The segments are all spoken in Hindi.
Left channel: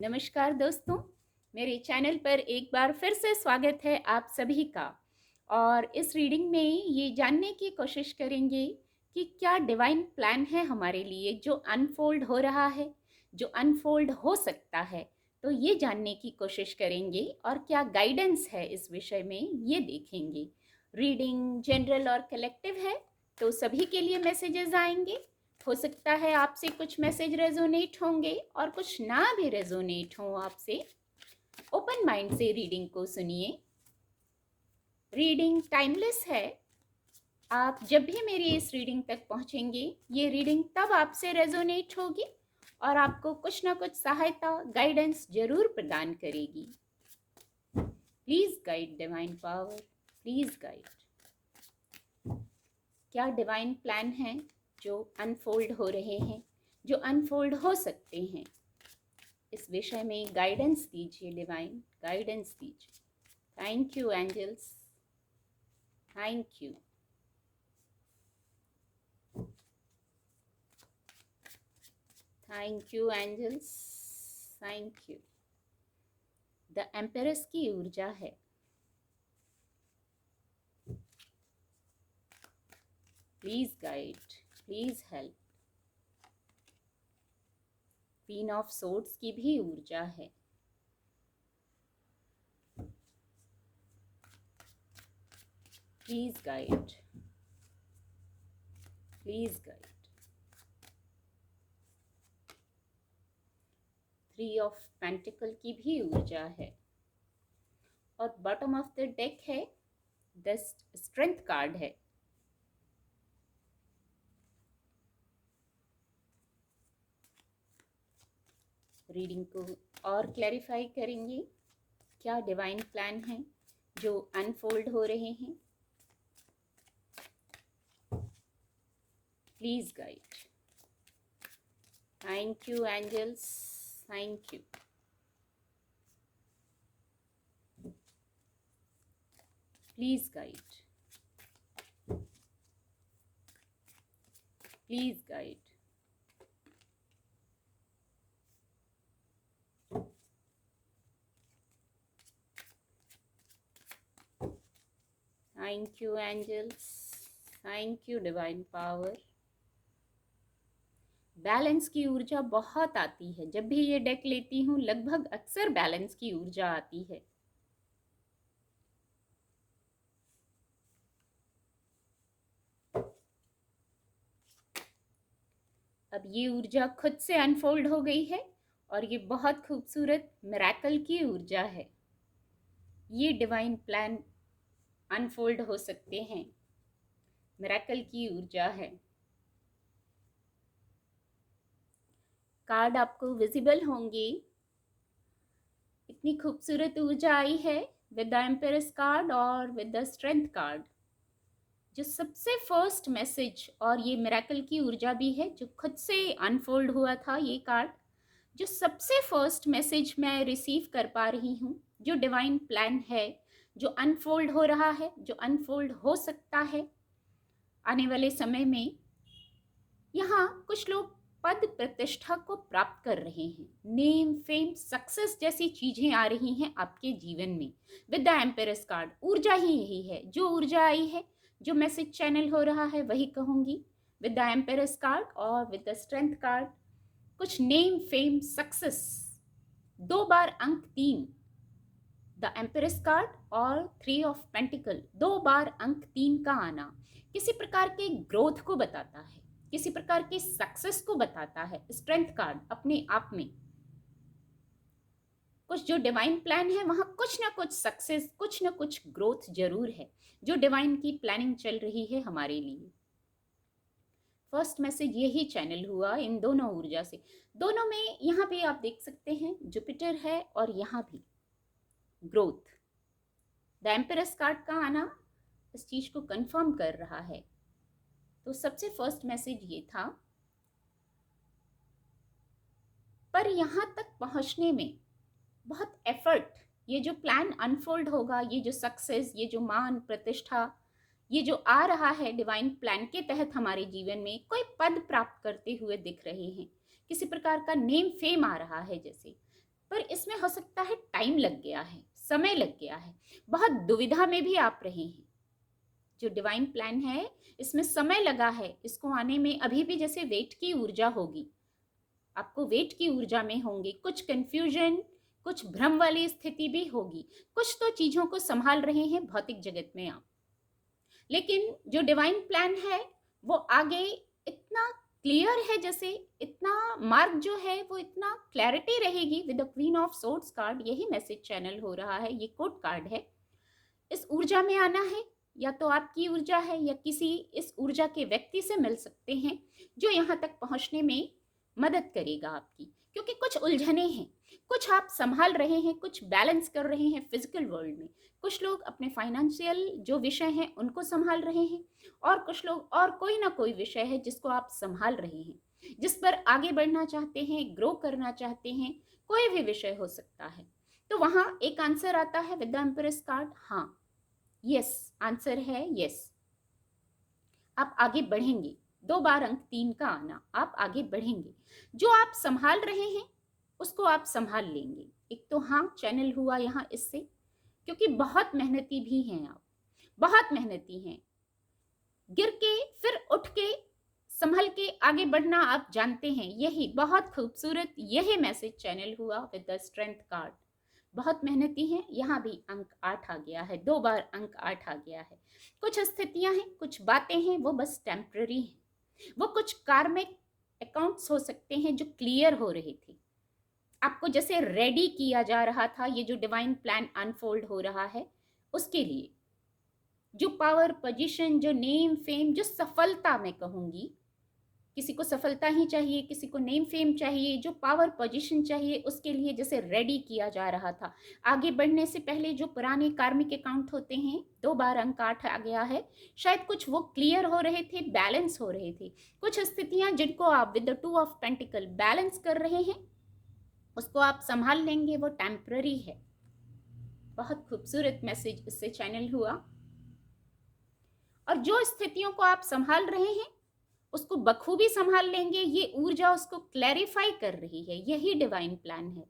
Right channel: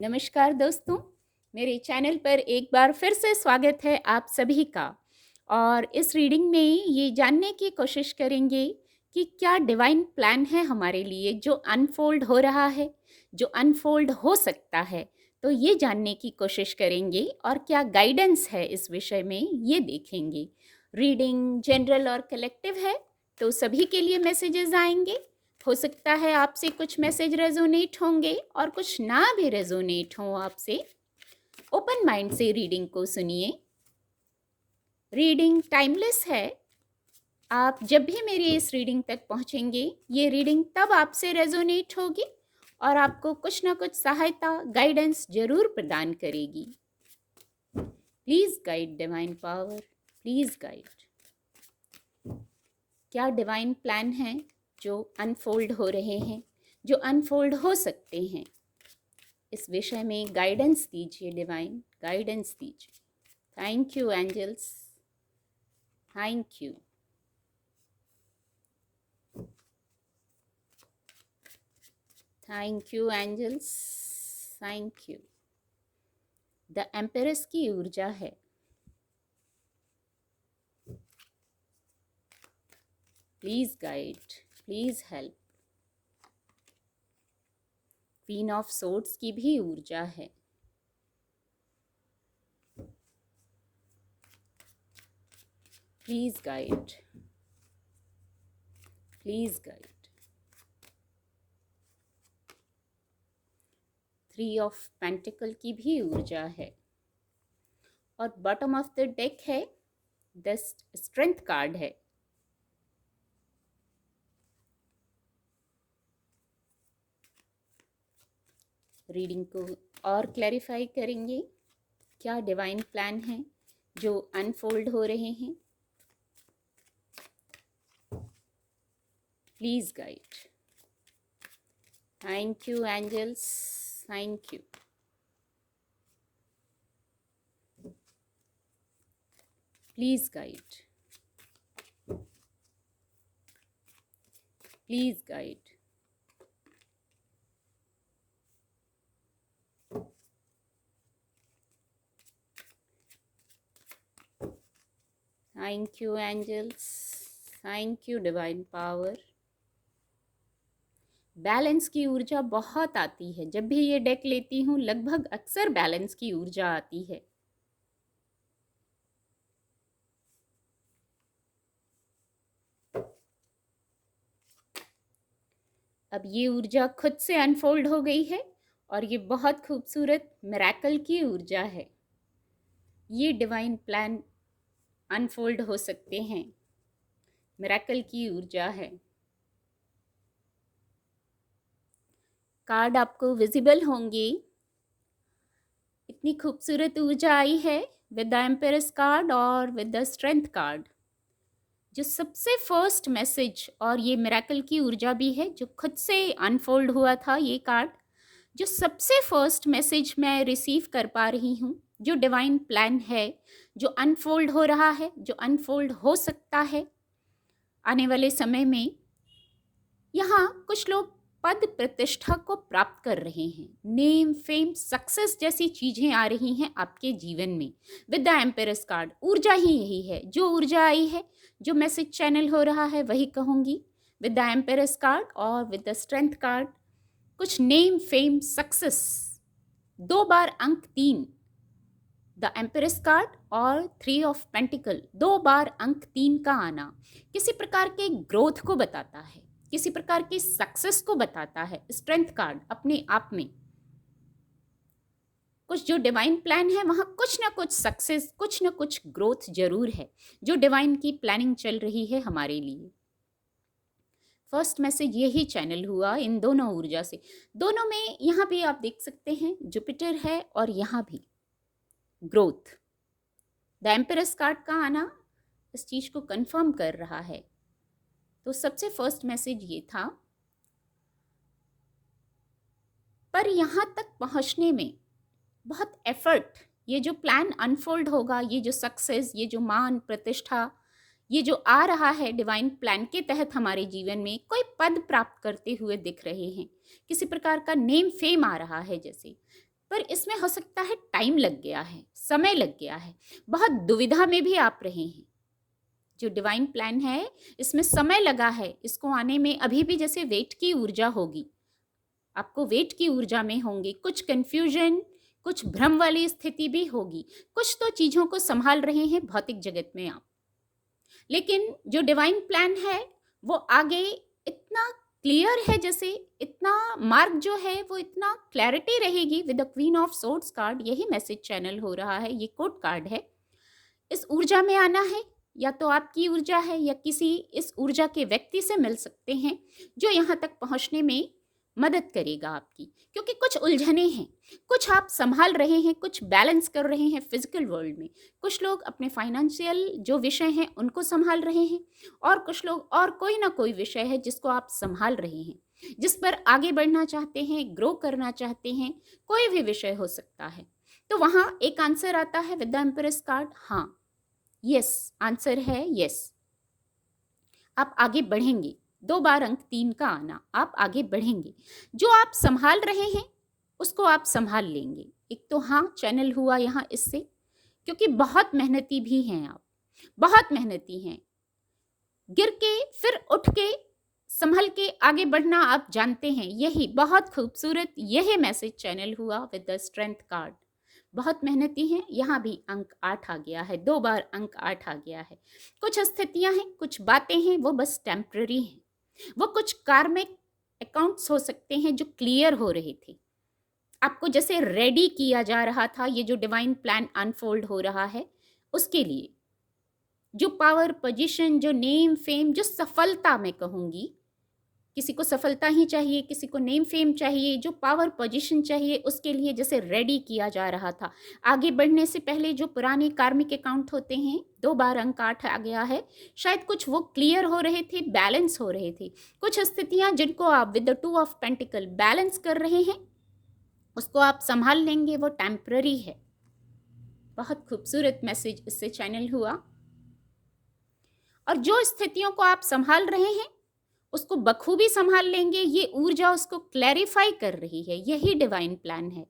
नमस्कार दोस्तों, मेरे चैनल पर एक बार फिर से स्वागत है आप सभी का। और इस रीडिंग में ये जानने की कोशिश करेंगे कि क्या डिवाइन प्लान है हमारे लिए जो अनफोल्ड हो रहा है, जो अनफोल्ड हो सकता है। तो ये जानने की कोशिश करेंगे और क्या गाइडेंस है इस विषय में ये देखेंगे। रीडिंग जनरल और कलेक्टिव है, तो सभी के लिए मैसेजेस आएंगे। हो सकता है आपसे कुछ मैसेज रेजोनेट होंगे और कुछ ना भी रेजोनेट हो आपसे। ओपन माइंड से रीडिंग को सुनिए। रीडिंग टाइमलेस है। आप जब भी मेरी इस रीडिंग तक पहुंचेंगे, ये रीडिंग तब आपसे रेजोनेट होगी और आपको कुछ ना कुछ सहायता, गाइडेंस जरूर प्रदान करेगी। Please guide divine power, please guide. क्या डिवाइन प्लान है जो अनफोल्ड हो रहे हैं, जो अनफोल्ड हो सकते हैं, इस विषय में गाइडेंस दीजिए। डिवाइन गाइडेंस दीजिए। Thank you angels, thank you. Thank you angels, thank you. The empress की ऊर्जा है। Please guide, please help. Queen of swords की भी ऊर्जा है। Please guide, please guide. Three of pentacle की भी ऊर्जा है। और बॉटम ऑफ द डेक है, द स्ट्रेंथ कार्ड है। रीडिंग को और क्लैरिफाई करेंगे। क्या डिवाइन प्लान है जो अनफोल्ड हो रहे हैं। Please guide. Thank you angels, thank you. Please guide, please guide. Thank you angels, thank you divine power. Balance की ऊर्जा बहुत आती है। जब भी ये डेक लेती हूँ लगभग अक्सर बैलेंस की ऊर्जा आती है। अब ये ऊर्जा खुद से अनफोल्ड हो गई है और ये बहुत खूबसूरत मिरेकल की ऊर्जा है। ये डिवाइन प्लान अनफोल्ड हो सकते हैं। मिरेकल की ऊर्जा है। कार्ड आपको विजिबल होंगे। इतनी खूबसूरत ऊर्जा आई है विद द एम्पेरस कार्ड और विद द स्ट्रेंथ कार्ड। जो सबसे फर्स्ट मैसेज, और ये मिरेकल की ऊर्जा भी है जो खुद से अनफोल्ड हुआ था ये कार्ड। जो सबसे फर्स्ट मैसेज मैं रिसीव कर पा रही हूँ, जो डिवाइन प्लान है जो अनफोल्ड हो रहा है, जो अनफोल्ड हो सकता है आने वाले समय में। यहाँ कुछ लोग पद प्रतिष्ठा को प्राप्त कर रहे हैं। नेम, फेम, सक्सेस जैसी चीजें आ रही हैं आपके जीवन में। विद द एम्पेरस कार्ड ऊर्जा ही यही है। जो ऊर्जा आई है, जो मैसेज चैनल हो रहा है, वही कहूंगी। विद द एम्पेरस कार्ड और विद द स्ट्रेंथ कार्ड कुछ नेम, फेम, सक्सेस, 2 बार अंक 3। द एम्पेरस कार्ड और 3 ऑफ पेंटिकल, 2 बार अंक 3 का आना किसी प्रकार के ग्रोथ को बताता है, किसी प्रकार की सक्सेस को बताता है। स्ट्रेंथ कार्ड अपने आप में कुछ जो डिवाइन प्लान है वहां कुछ ना कुछ सक्सेस, कुछ ना कुछ ग्रोथ जरूर है जो डिवाइन की प्लानिंग चल रही है हमारे लिए। फर्स्ट मैसेज यही चैनल हुआ इन दोनों ऊर्जा से। दोनों में यहाँ भी आप देख सकते हैं जुपिटर है और यहाँ भी ग्रोथ। द एम्पेरस कार्ड का आना इस चीज को कंफर्म कर रहा है। तो सबसे फर्स्ट मैसेज ये था, पर यहां तक पहुंचने में बहुत एफर्ट, ये जो प्लान अनफोल्ड होगा, ये जो सक्सेस, ये जो मान प्रतिष्ठा, ये जो आ रहा है डिवाइन प्लान के तहत हमारे जीवन में, कोई पद प्राप्त करते हुए दिख रहे हैं। किसी प्रकार का नेम, फेम आ रहा है जैसे। पर इसमें हो सकता है टाइम लग गया है, समय लग गया है, बहुत दुविधा में भी आप रहे हैं। जो डिवाइन प्लान है इसमें समय लगा है इसको आने में, अभी भी जैसे वेट की ऊर्जा होगी, आपको वेट की ऊर्जा में होंगे, कुछ कंफ्यूजन, कुछ भ्रम वाली स्थिति भी होगी, कुछ तो चीज़ों को संभाल रहे हैं भौतिक जगत में आप। लेकिन जो डिवाइन प्लान है वो आगे इतना क्लियर है, जैसे इतना मार्ग जो है वो इतना क्लैरिटी रहेगी with the queen of swords card. यही मैसेज चैनल हो रहा है, ये कोड कार्ड है। इस ऊर्जा में आना है, या तो आपकी ऊर्जा है या किसी इस ऊर्जा के व्यक्ति से मिल सकते हैं जो यहाँ तक पहुँचने में मदद करेगा आपकी, क्योंकि कुछ उलझने हैं, कुछ आप संभाल रहे हैं, कुछ बैलेंस कर रहे हैं फिजिकल वर्ल्ड में, कुछ लोग अपने फाइनेंशियल जो विषय हैं उनको संभाल रहे हैं, और कुछ लोग और कोई ना कोई विषय है जिसको आप संभाल रहे हैं, जिस पर आगे बढ़ना चाहते हैं, ग्रो करना चाहते हैं, कोई भी विषय हो सकता है। तो वहाँ एक आंसर आता है विद द एम्प्रेस कार्ड, हाँ, यस, आंसर है यस। आप आगे बढ़ेंगे, 2 बार अंक 3 का आना, आप आगे बढ़ेंगे, जो आप संभाल रहे हैं उसको आप संभाल लेंगे। एक तो हाँ चैनल हुआ यहाँ इससे, क्योंकि बहुत मेहनती भी हैं आप, बहुत मेहनती हैं, गिर के फिर उठ के संभल के आगे बढ़ना आप जानते हैं, यही बहुत खूबसूरत यही मैसेज चैनल हुआ विद द स्ट्रेंथ कार्ड। बहुत मेहनती हैं, यहाँ भी अंक 8 आ गया है, 2 बार अंक 8 आ गया है। कुछ स्थितियां हैं, कुछ बातें हैं, वो बस टेम्पररी हैं, वो कुछ कार्मिक अकाउंट्स हो सकते हैं जो क्लियर हो रहे थे, आपको जैसे रेडी किया जा रहा था, ये जो डिवाइन प्लान अनफोल्ड हो रहा है उसके लिए। जो पावर, पोजीशन, जो नेम, फेम, जो सफलता मैं कहूँगी, किसी को सफलता ही चाहिए, किसी को नेम फेम चाहिए, जो पावर पोजीशन चाहिए, उसके लिए जैसे रेडी किया जा रहा था। आगे बढ़ने से पहले जो पुराने कार्मिक अकाउंट होते हैं, 2 बार अंक 8 आ गया है, शायद कुछ वो क्लियर हो रहे थे, बैलेंस हो रहे थे। कुछ स्थितियां जिनको आप with the 2 of pentacle balance कर रहे हैं, उसको आप संभाल लेंगे, वो टेम्पररी है। बहुत खूबसूरत मैसेज इससे चैनल हुआ। और जो स्थितियों को आप संभाल रहे हैं उसको बखूबी संभाल लेंगे, ये ऊर्जा उसको क्लैरिफाई कर रही है, यही डिवाइन प्लान है।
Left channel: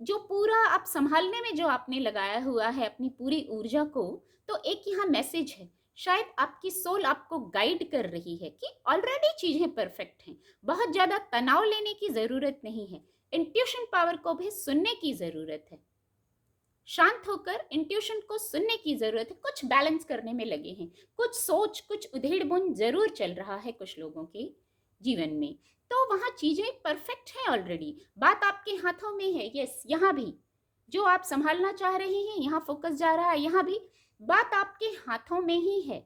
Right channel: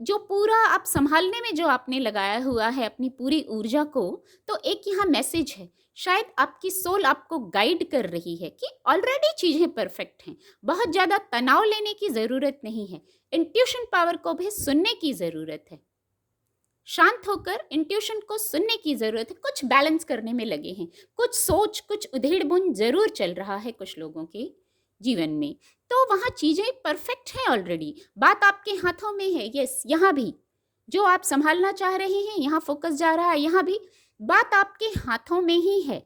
जो पूरा आप संभालने में जो आपने लगाया हुआ है अपनी पूरी ऊर्जा को, तो एक यहाँ मैसेज है, शायद आपकी सोल आपको गाइड कर रही है कि ऑलरेडी चीजें परफेक्ट हैं, बहुत ज्यादा तनाव लेने की जरूरत नहीं है, इंट्यूशन पावर को भी सुनने की जरूरत है, शांत होकर इंट्यूशन को सुनने की जरूरत है। कुछ बैलेंस करने में लगे हैं, कुछ सोच, कुछ उधेड़-बुन जरूर चल रहा है कुछ लोगों के जीवन में, तो वहाँ चीजें परफेक्ट हैं ऑलरेडी, बात आपके हाथों में है। यस, यहाँ भी जो आप संभालना चाह रहे हैं, यहाँ फोकस जा रहा है, यहाँ भी बात आपके हाथों में ही है,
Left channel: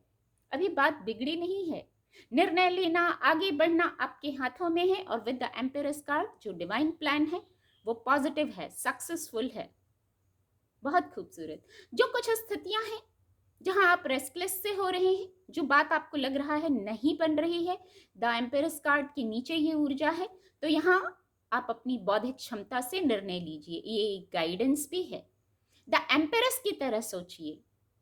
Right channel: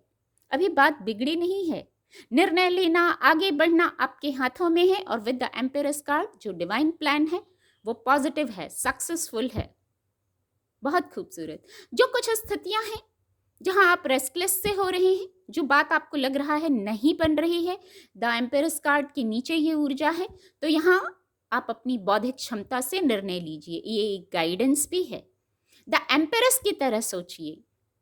अभी बात बिगड़ी नहीं है, निर्णय लेना, आगे बढ़ना आपके हाथों में है। और विद द एम्पेरस कार्ड जो डिवाइन प्लान है वो पॉजिटिव है, सक्सेसफुल है, बहुत खूबसूरत। जो कुछ स्थितियां हैं जहां आप रेस्टलेस से हो रहे हैं, जो बात आपको लग रहा है नहीं बन रही है, द एम्पेरस कार्ड के नीचे ये ऊर्जा है, तो यहाँ आप अपनी बौद्धिक क्षमता से निर्णय लीजिए, ये एक गाइडेंस भी है। द एम्पेरस की तरह सोचिए,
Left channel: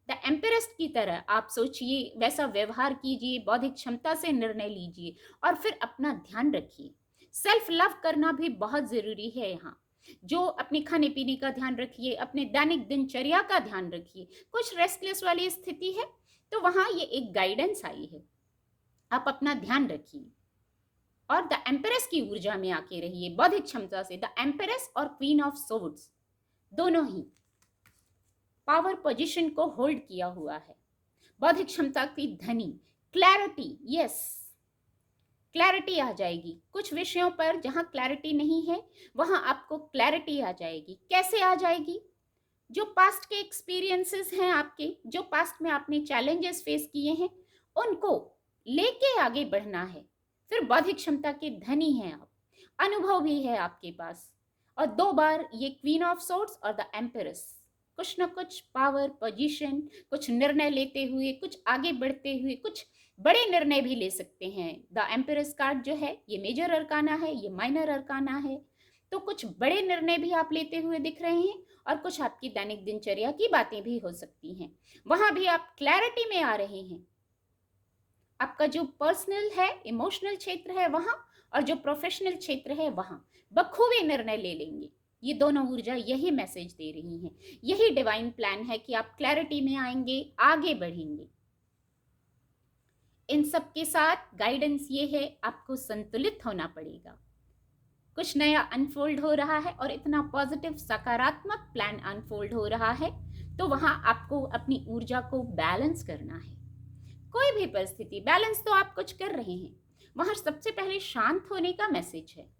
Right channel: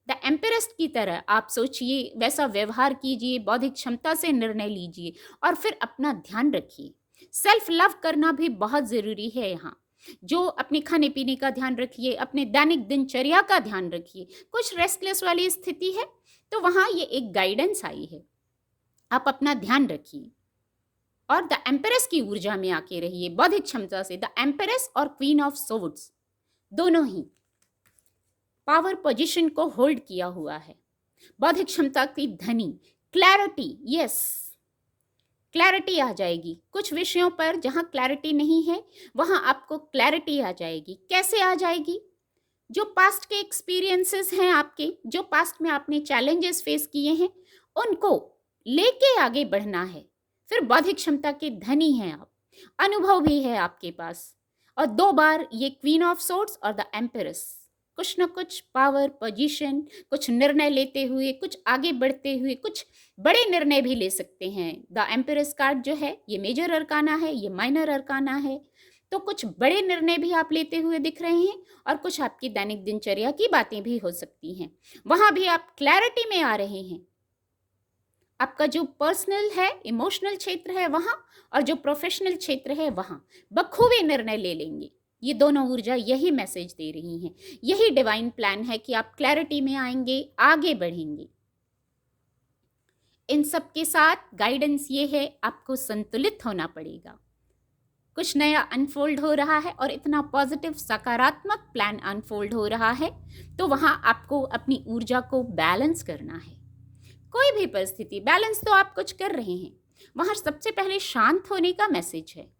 द एम्पेरस की तरह आप सोचिए, वैसा व्यवहार कीजिए, बौद्धिक क्षमता से निर्णय लीजिए, और फिर अपना ध्यान रखिए। सेल्फ लव करना भी बहुत ज़रूरी है यहाँ, जो अपने खाने पीने का ध्यान रखिए, अपने दैनिक दिनचर्या का ध्यान रखिए। कुछ रेस्टलेस वाली स्थिति है तो वहाँ ये एक गाइडेंस आई है, आप अपना ध्यान रखिए और द एम्पेरस की ऊर्जा में आके रहिए, बौद्धिक क्षमता से। द एम्पेरस और क्वीन ऑफ सोर्ड्स दोनों ही पावर पोजीशन को होल्ड किया हुआ है, बौद्धिक क्षमता की धनी, क्लैरिटी, यस, क्लैरिटी आ जाएगी। कुछ विषयों पर जहाँ क्लैरिटी नहीं है वहाँ आपको क्लैरिटी आ जाएगी। कैसे आ जाएगी? जो पास्ट के एक्सपीरियंसेस हैं आपके, जो पास्ट में आपने चैलेंजेस फेस किए हैं, उनको लेके आगे बढ़ना है। फिर बौद्धिक क्षमता के धनी हैं आप, अनुभव भी है आपके पास, और 2 बार ये क्वीन ऑफ सोर्ड्स और द एम्पेरस, कुछ न कुछ पावर, पोजीशन, कुछ निर्णय लेते हुए, कुछ आगे बढ़ते हुए, कुछ बड़े निर्णय भी ले सकते हैं। द एम्पेरस कार्ड जो है ये मेजर अरकाना है, ये माइनर अरकाना है, तो कुछ बड़े निर्णय भी आप लेते हुए दिख रहे हैं, और कुछ आपकी दैनिक दिनचर्या की बातें भी हो सकती हैं, वहां भी आप क्लैरिटी में आ रहे हैं। आपका जो पर्सनल है, इमोशनल क्षेत्र है वहां, और जो प्रोफेशनल क्षेत्र है वहां बखूबी निर्णय ले लेंगे, ये दोनों ऊर्जा यही मैसेज दे रही हैं। यही डिवाइन प्लान है कि आप क्लैरिटी में आएंगे, आगे बढ़ेंगे। इन सब के साथ गाइडेंस ये है, आपको संतुलित होना पड़ेगा। कुछ नया अनफोल्ड हो रहा है और इतना पॉजिटिव सकारात्मक प्लान अनफोल्ड हो रहा है, तो वहां आपको अपनी ऊर्जा को बैलेंस करना है। कोई भी परिस्थिति, बैलेंस तो आप कुछ कर रहे हैं, वहां सबसे पहले शांत होने का मैसेज है।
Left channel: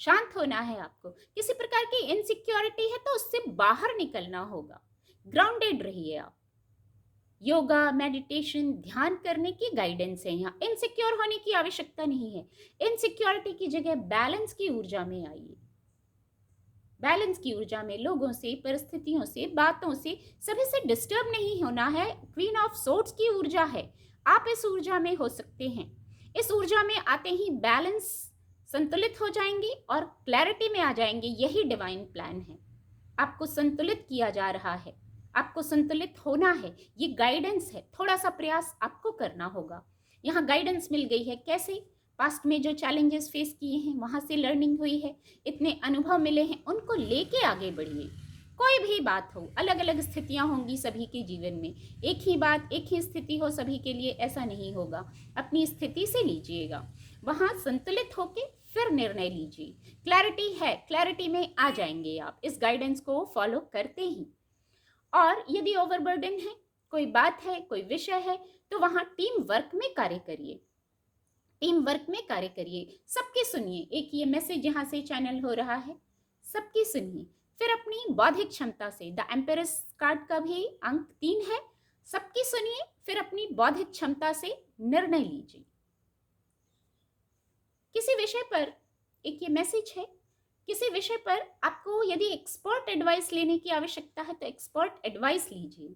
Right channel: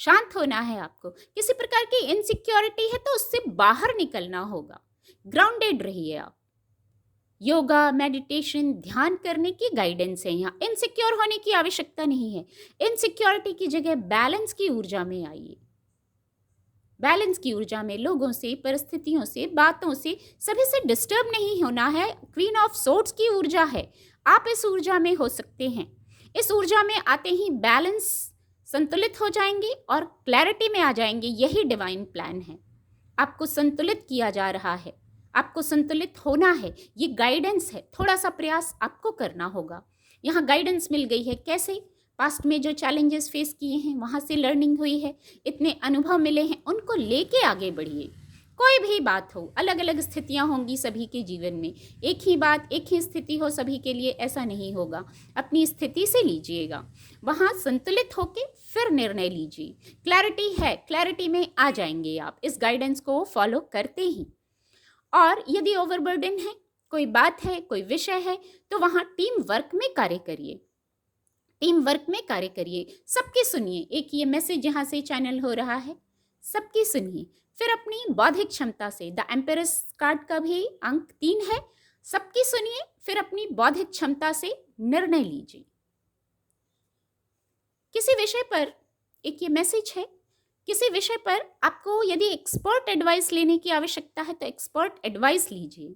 शांत होना है आपको। किसी प्रकार की इनसिक्योरिटी है तो उससे बाहर निकलना होगा। ग्राउंडेड रहिए आप। योगा, मेडिटेशन, ध्यान करने की गाइडेंस है यहाँ। इनसिक्योर होने की आवश्यकता नहीं है। इनसिक्योरिटी की जगह बैलेंस की ऊर्जा में आइए। बैलेंस की ऊर्जा में लोगों से, परिस्थितियों से, बातों से, सभी से डिस्टर्ब नहीं होना है। क्वीन ऑफ सोर्ड्स की ऊर्जा है, आप इस ऊर्जा में हो सकते हैं। इस ऊर्जा में आते ही बैलेंस, संतुलित हो जाएंगे और क्लैरिटी में आ जाएंगे। यही डिवाइन प्लान है। आपको संतुलित किया जा रहा है, आपको संतुलित होना है। ये गाइडेंस है, थोड़ा सा प्रयास आपको करना होगा। यहाँ गाइडेंस मिल गई है। कैसे? पास्ट में जो चैलेंजेस फेस किए हैं वहाँ से लर्निंग हुई है, इतने अनुभव मिले हैं, उनको लेके आगे बढ़िए। कोई भी बात हो, अलग अलग स्थितियाँ होंगी सभी के जीवन में। एक ही बात, एक ही स्थिति हो सभी के लिए, ऐसा नहीं होगा। अपनी स्थिति से लीजिएगा, वहाँ संतुलित होके फिर निर्णय लीजिए। क्लैरिटी है, क्लैरिटी में आ जाएंगे आप इस गाइडेंस को फॉलो करते ही। और यदि ओवरबर्डन है, कोई बात है, कोई विषय है, तो वहाँ टीम वर्क में कार्य करिए। टीम वर्क में कार्य करिए, सबकी सुनिए। एक ये मैसेज यहाँ से चैनल हो रहा है, सबकी सुनिए। फिर अपनी बौद्धिक क्षमता से, द एम्पेरस कार्ड का भी अंक 3 है, सबकी सुनिए, फिर अपनी बौद्धिक क्षमता से निर्णय लीजिए। किसी विषय पर एक ये मैसेज है, किसी विषय पर आपको यदि एक्सपर्ट एडवाइस लेने की आवश्यकता है तो एक्सपर्ट एडवाइस लीजिए,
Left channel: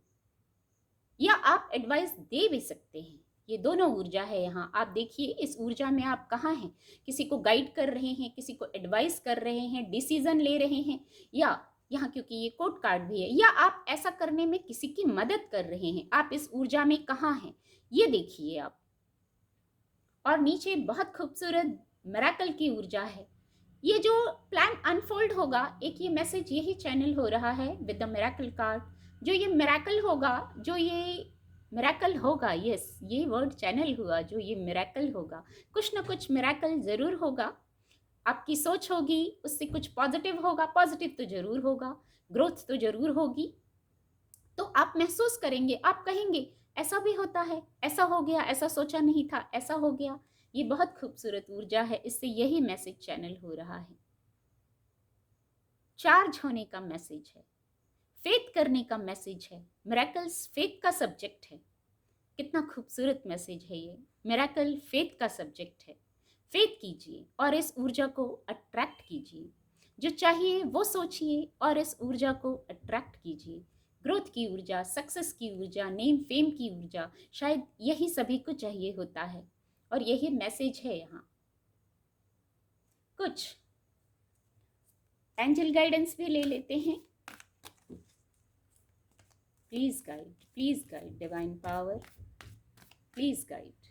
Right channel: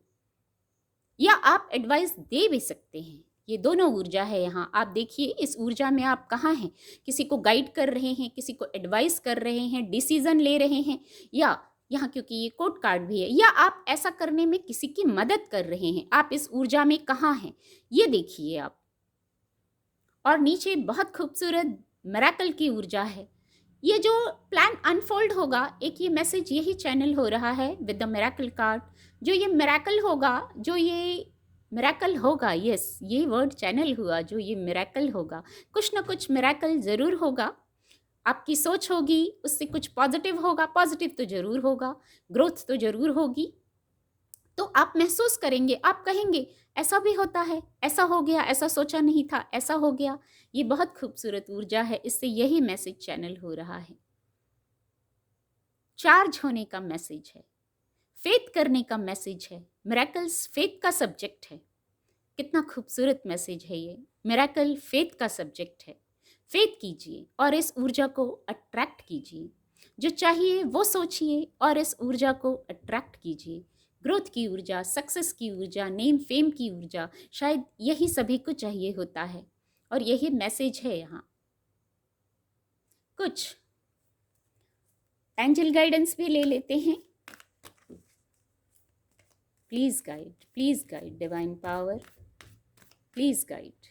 या आप एडवाइस दे भी सकते हैं। ये दोनों ऊर्जा है यहाँ। आप देखिए इस ऊर्जा में आप कहाँ हैं। किसी को गाइड कर रहे हैं, किसी को एडवाइस कर रहे हैं, डिसीजन ले रहे हैं, या यहाँ क्योंकि ये कोर्ट कार्ड भी है, या आप ऐसा करने में किसी की मदद कर रहे हैं। आप इस ऊर्जा में कहाँ हैं, ये देखिए आप। और नीचे बहुत खूबसूरत मिरेकल की ऊर्जा है। ये जो प्लान अनफोल्ड होगा, एक ये मैसेज यही चैनल हो रहा है विद द मिरेकल कार्ड। जो ये मिरेकल होगा, जो ये मिरेकल होगा, यस ये वर्ड चैनल हुआ, जो ये मिरेकल होगा, कुछ ना कुछ मिरेकल ज़रूर होगा। आपकी सोच होगी, उससे कुछ पॉजिटिव होगा, पॉजिटिव तो ज़रूर होगा, ग्रोथ तो ज़रूर होगी। तो आप महसूस करेंगे, आप कहेंगे ऐसा भी होता है, ऐसा हो गया, ऐसा सोचा नहीं था, ऐसा हो गया। ये बहुत खूबसूरत ऊर्जा है, इससे यही मैसेज चैनल हो रहा है। चार्ज होने का मैसेज है, फेथ करने का मैसेज है। मिरेकल्स फेथ का सब्जेक्ट है। कितना खूबसूरत मैसेज है ये। मिरेकल फेथ का सब्जेक्ट है। फेथ कीजिए और इस ऊर्जा को अट्रैक्ट कीजिए। जो चाहिए वो सोचिए और इस ऊर्जा को अट्रैक्ट कीजिए। ग्रोथ की ऊर्जा, सक्सेस की ऊर्जा, नेम फेम की ऊर्जा, शायद यही सभी को चाहिए होता है और यही मैसेज है यहाँ। कुछ एंजल गाइडेंस भी ले लेते हैं। Please guide divine power, please guide.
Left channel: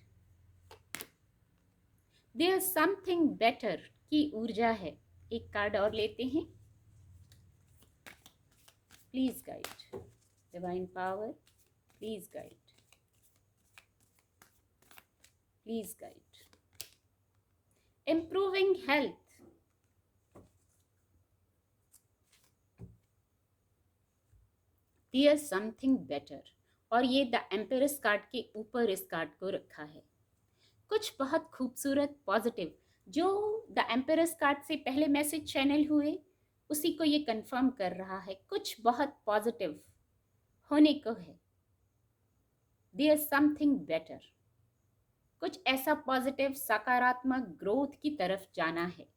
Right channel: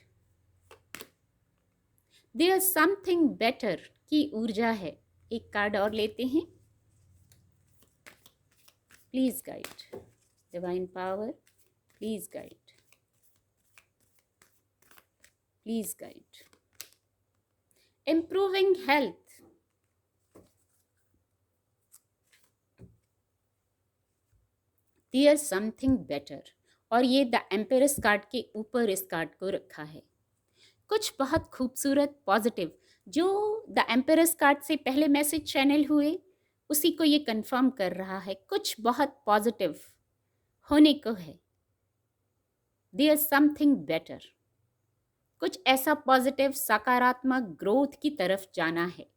There something better की ऊर्जा है। एक कार्ड और लेते हैं। Please guide divine power, please guide, please guide. Improving health, there something better, और ये द एम्पेरस कार्ड के ऊपर इस कार्ड को रखा है। कुछ बहुत खूबसूरत पॉजिटिव, जो द एम्पेरस कार्ड से पहले मैसेज चैनल हुए उसी को ये कंफर्म कर रहा है। कुछ बहुत पॉजिटिव होने को है। देयर समथिंग बेटर, कुछ ऐसा पॉजिटिव सकारात्मक ग्रोथ की तरफ जाना है।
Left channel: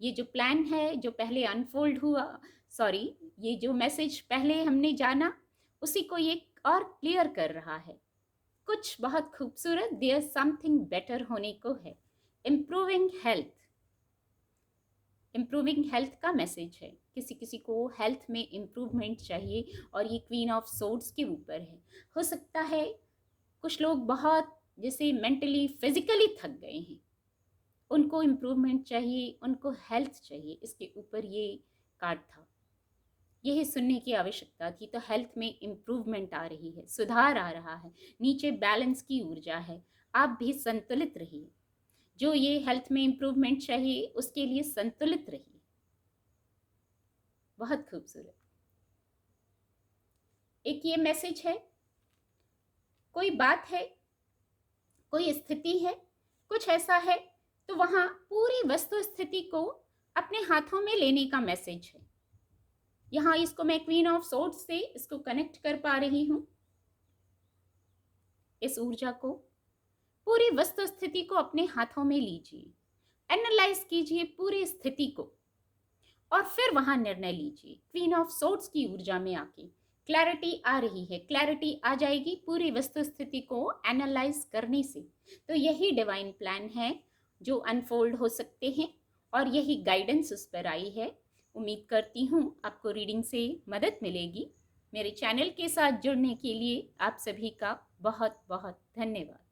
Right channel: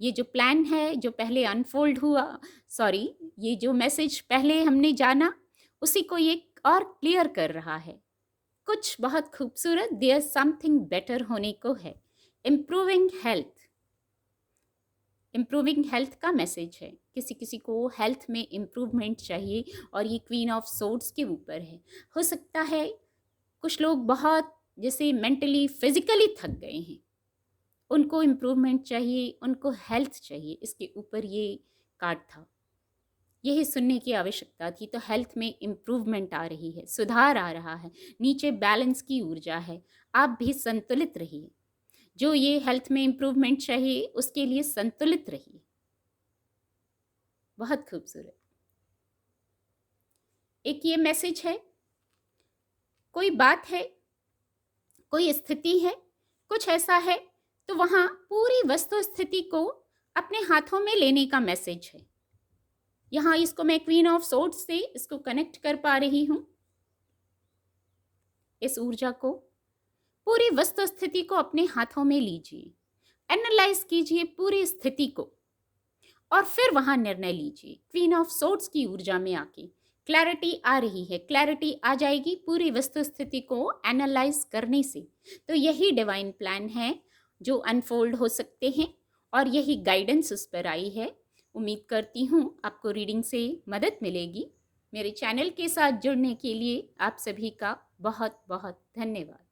ये जो प्लान है, जो पहले अनफोल्ड हुआ, सॉरी, ये जो मैसेज पहले हमने जाना उसी को ये और क्लियर कर रहा है। कुछ बहुत खूबसूरत, देयर समथिंग बेटर होने को है। इम्प्रूविंग हेल्थ, इम्प्रूविंग हेल्थ का मैसेज है। किसी किसी को हेल्थ में इम्प्रूवमेंट चाहिए और ये क्वीन ऑफ सोर्ड्स के ऊपर है। हो सकता है कुछ लोग बहुत जैसे मेंटली फिजिकली थक गए हैं, उनको इम्प्रूवमेंट चाहिए, उनको हेल्थ चाहिए। इसके ऊपर ये कार्ड था। यही सुनने की आवश्यकता थी। तो हेल्थ में इम्प्रूवमेंट आ रही है, सुधार आ रहा है, नीचे बैलेंस की ऊर्जा है। आप भी संतुलित रहिए। जो ये हेल्थ में इम्प्रूवमेंट चाहिए उसके लिए संतुलित रहिए। बहुत खूबसूरत। एक ये मैसेज है, कोई बात है, कोई स्थिति है, कुछ ऐसा है, तो वहाँ पूरी वस्तु स्थिति को अपने हाथों में लेने का मैसेज है। यहाँ इसको मैं क्वीन ऑफ सोर्ड्स से इसको कनेक्ट कर पा रही हूँ। इस ऊर्जा को, पूरी वस्तु स्थिति को अपने हाथों में लीजिए, एनालाइज कीजिए पूरी स्थिति को और फिर वहां निर्णय लीजिए। क्वीन ऑफ सोर्ड्स की ऊर्जा में आके क्लैरिटी आ रही है, क्लैरिटी आ जाएगी पूरी वस्तु स्थिति को एनालाइज करने से। तो यही डिवाइन प्लान है जो अनफोल्ड हो सकते हैं और यही गाइडेंस उस पर आई है। उम्मीद करती हूँ आपको रीडिंग से मदद मिलेगी। मेरे चैनल के साथ जुड़ने के लिए आप सभी का बहुत बहुत धन्यवाद।